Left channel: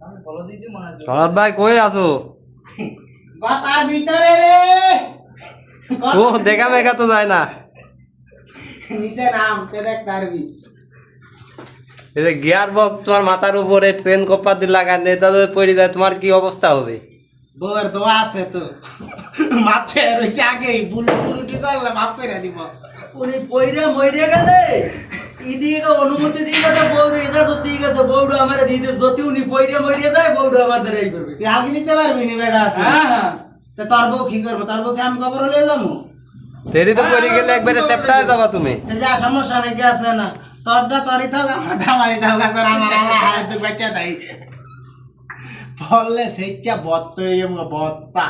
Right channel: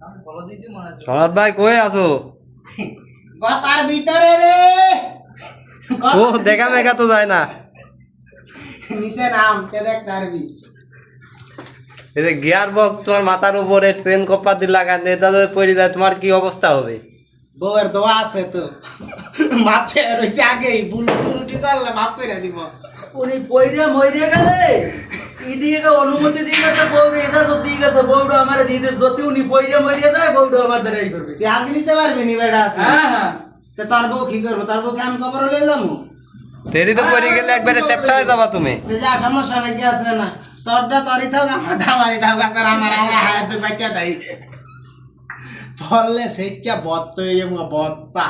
সনদ ভাই কই আছো? গতার ভিতরে রে। ও দেখা মেঘা তো যায় না। নিচে নাম তে দেখ তারবি। এই যে গিয়ার বক্স তোমার মাথার উপরে ট্রেন কপার দিয়ে লাগান এটা যদি পড়ে যায় তোমার কি অবস্থা হবে? বউয়ের দোয়া আছে তো মাপ ছেড়ে রয়েছে আগেই বুলুটি করলে মাফ করে দিব। উনি পইরে মইরে গেলে ইদিকে অনুমতি দিয়ে গেছে বউর ইজাজত দিয়ে গেছে বউডু আমারে দিতে যদি উনি পইরে মইরে যায় বউডু আমার দ্বারা এই করবে। তুই আগে নিতে পারবি নি বেটা আছে। হ্যাঁ হ্যাঁ তো তোর বউ কি করবো? তোর বউকে আমি খবর হলে যাবো। তেরি তো পড়ে গেলে একবারে চেপটায় যাবা তুমি। যা সমস্যা নাকি আছে না তোরটা তোরই থাক আমারই থাক আছে আমার আল্লাহ হায়াত বাচ্চা তাই বললে সেচ্চা বত্ত হয়ে যাবো বত্তা।